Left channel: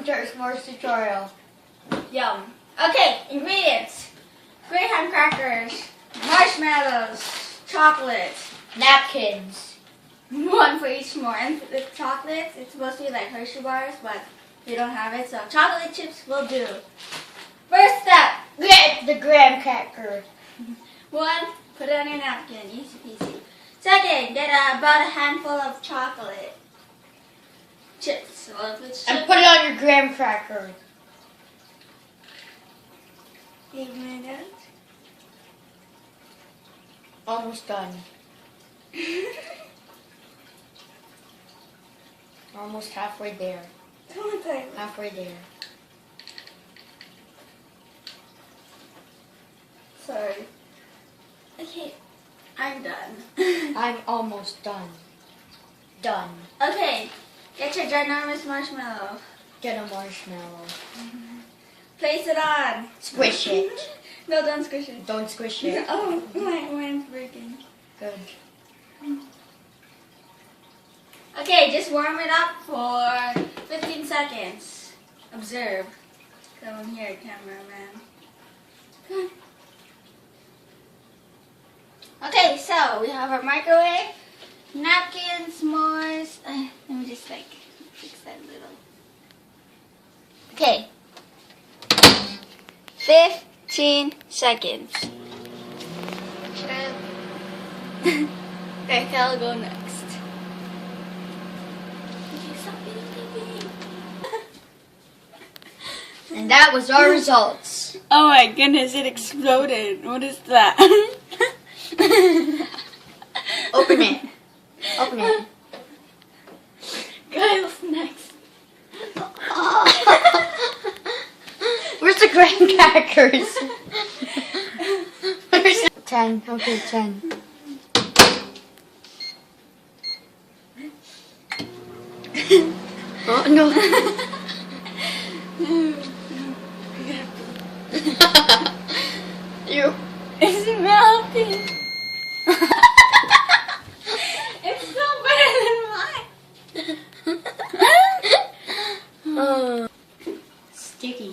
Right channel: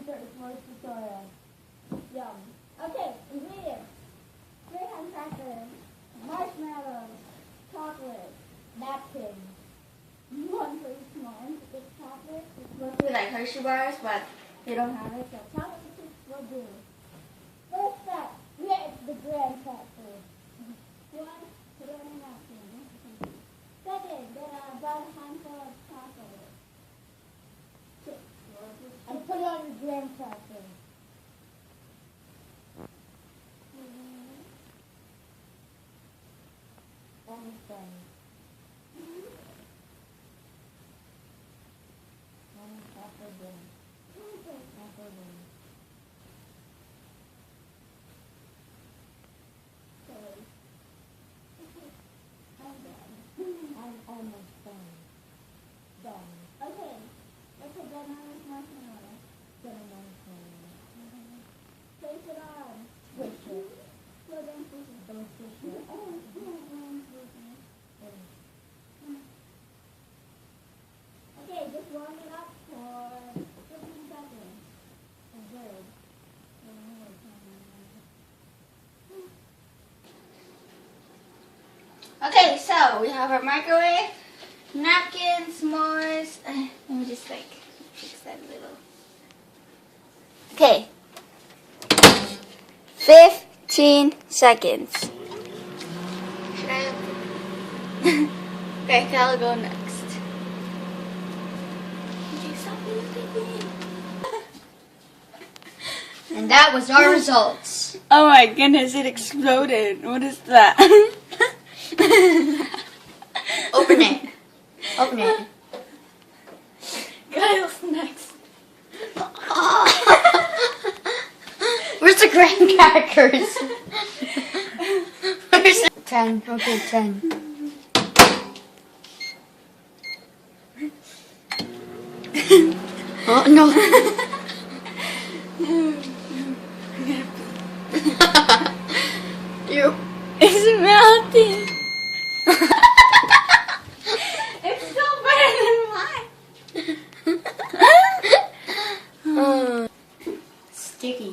welcome to our s'mores tutorial. Yum. Okay, ingredients. Graham crackers, marshmallows, chocolate, Napkins. one for each s'more. And the chocolate, it's supposed to be like Hershey bars, but they don't have it, so chocolate chips will do. First step, Get the graham cracker. 1, put it on your napkin, easy peasy. Second, get about a handful of chocolate chips. Well, if it's And put it on your graham cracker. 8 minutes. Almost done. Almost halfway there. Halfway there. Sorry. Okay, I'm done. I'm almost done. Done. Okay, get your ginormous marshmallow. Get a marshmallow. Place it on. Squish it. No, don't squish it. Don't squish it. Oh, mine's breaking. Good. Okay, just warm it up for 15 seconds. Observe. Come here, cameraman. Okay, so we have our microwave, napkins, s'mores. Let me just fix that little. Okay. 15 seconds. Should I open? Okay, I'll go next. Okay, stop videotaping. And that was our results. Oh my goodness, it exploded. What is that? Open it. Open it. Kyle's next. Where's the graham crackers? Where's the 10. Okay, 10. Oh no. You. It's melting. It's still better than mine. Sticky.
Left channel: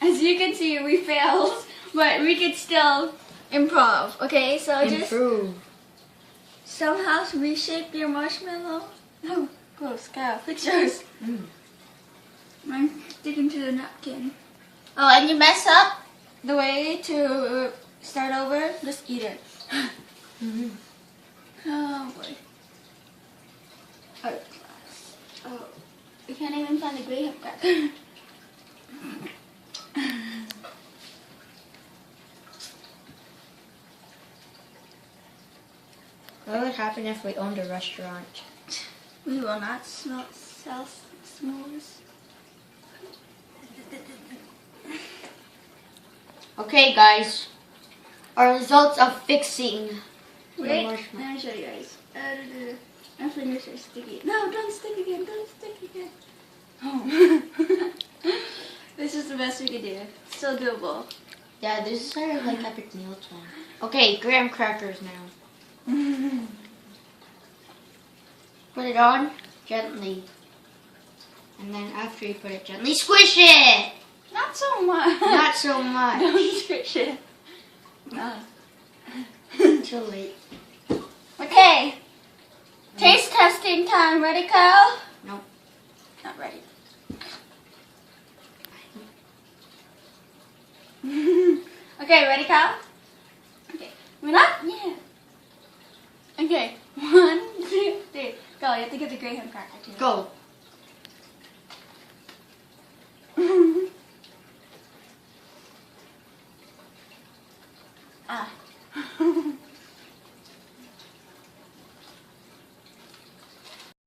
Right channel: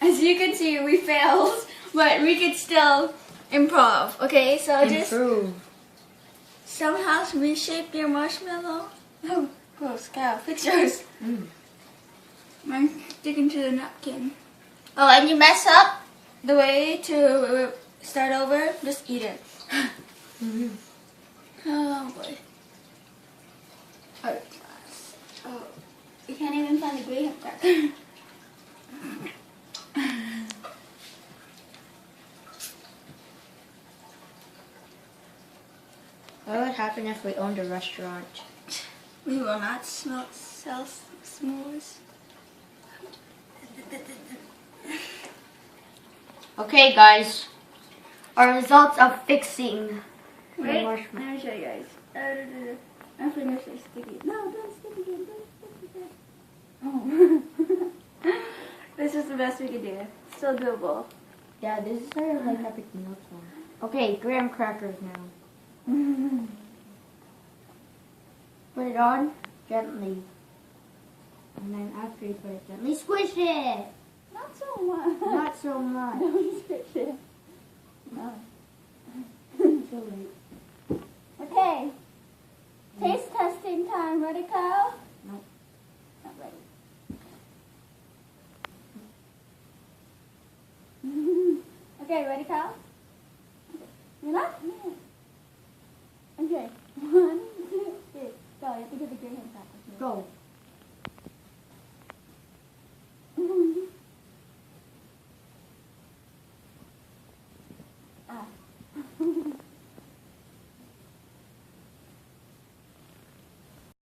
As you can see, we failed, but we could still improv. Okay, so just Improve. somehow reshape your marshmallow. Oh, gross, Kyle, fix yours. Mine's sticking to the napkin. Oh, and you mess up the way to start over, just eat it. Oh boy. Art class. Oh, we can't even find the graham cracker. What would happen if we owned a restaurant? We will not sell s'mores. Okay, guys. Our results of fixing the Wait, marshmallow. let me show you guys. My fingers are sticky. No, don't stick again. Don't stick again. Oh. This is the best we could do. Still doable. Yeah, this is our like epic meal time. Okay, graham crackers now. Put it on gently. And then after you put it gently, squish it! Not so much. Not so much. Don't squish it. No. Too late. Okay. Taste testing time. Ready, Kyle? Nope. Not ready. Okay, ready, Kyle? Okay. We're not? Yeah. Okay. 1, 2, 3. Go. You have to get the graham cracker too. Go. Ah.